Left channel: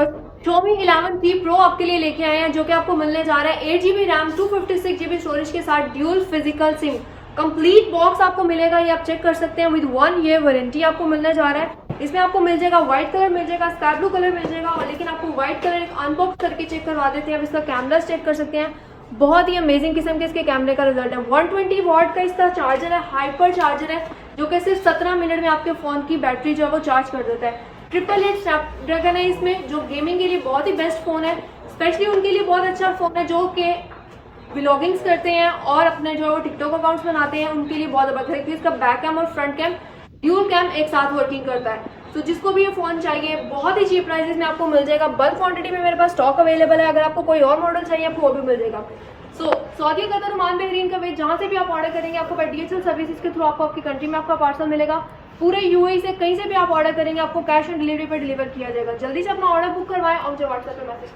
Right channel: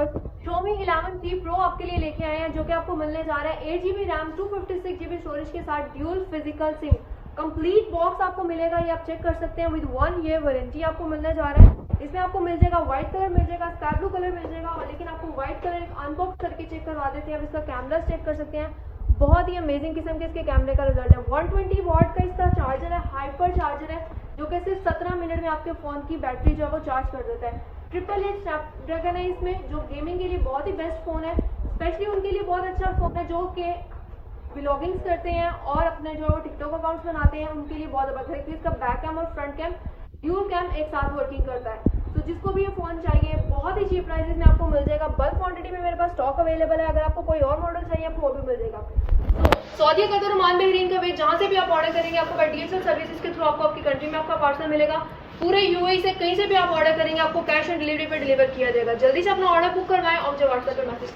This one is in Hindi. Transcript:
Xiaomi 11T Pro आपके लिए लेके आए हैं, जो कि आपको मिलने जा रहा है 8GB रैम 256GB स्टोरेज के साथ dual physical SIM. Complete box आपको मिलेगा, ये आप चेक कर सकते हैं। विद 1 ईयर वारंटी आपको मिलने जा रहा है। इसमें आपको मिल जाएगा व्हाइट कलर मिल जाएगा, स्काई ब्लू कलर मिल जाएगा, और लेकिन आपको व्हाइट कलर एक अनबॉक्स करके चेक करवा देते हैं। अब इसका कैमरा चेक कर सकते हैं, बहुत ही अमेजिंग किस्म के इसके कैमरे का रिजल्ट है। 120 वॉट का इसका चार्जर है, हाइपर चार्जर है, जो कि सिर्फ 17 मिनट में आपके फ़ोन की बैटरी जो है वो चार्ज कर देता है। 888 स्नैपड्रैगन है इसमें, जो गेमिंग के लिए बहुत ही बेस्ट फ़ोन है। स्पेशली उनके लिए बहुत अच्छा फ़ोन है जो कि व्लॉगिंग्स करते हैं और अपने जो है वो टिकटॉक अकाउंट्स बनाते हैं, उनके लिए बहुत ज़बरदस्त है क्योंकि इसका बैक कैम और फ्रंट कैम ड्यूल कैम एक साथ वर्किंग करता है। तो जिसको भी ये फ़ोन चाहिए बहुत ही चीप प्राइसेस में आपको मिल जाएगा। बल्क क्वांटिटी में मेरे पास स्टॉक अवेलेबल है, अगर आपको कोई और मॉडल चाहिए आपको वो भी मिल जाएगा। सऊदी कतर ओमान बहरीन का वेट, जहाँ से भी आप ऑर्डर करेंगे आपको DHL सर्विसेज के थ्रू आपको आपकी कंट्री में आपका पार्सल मिलेगा। पूरे UAE से कहीं से भी आप ऑर्डर करेंगे आपको कैश ऑन डिलीवरी पे डिलीवर किया जाएगा। जल्दी से अपना ऑर्डर बुक करवाएं और मुझे व्हाट्सएप पर मैसेज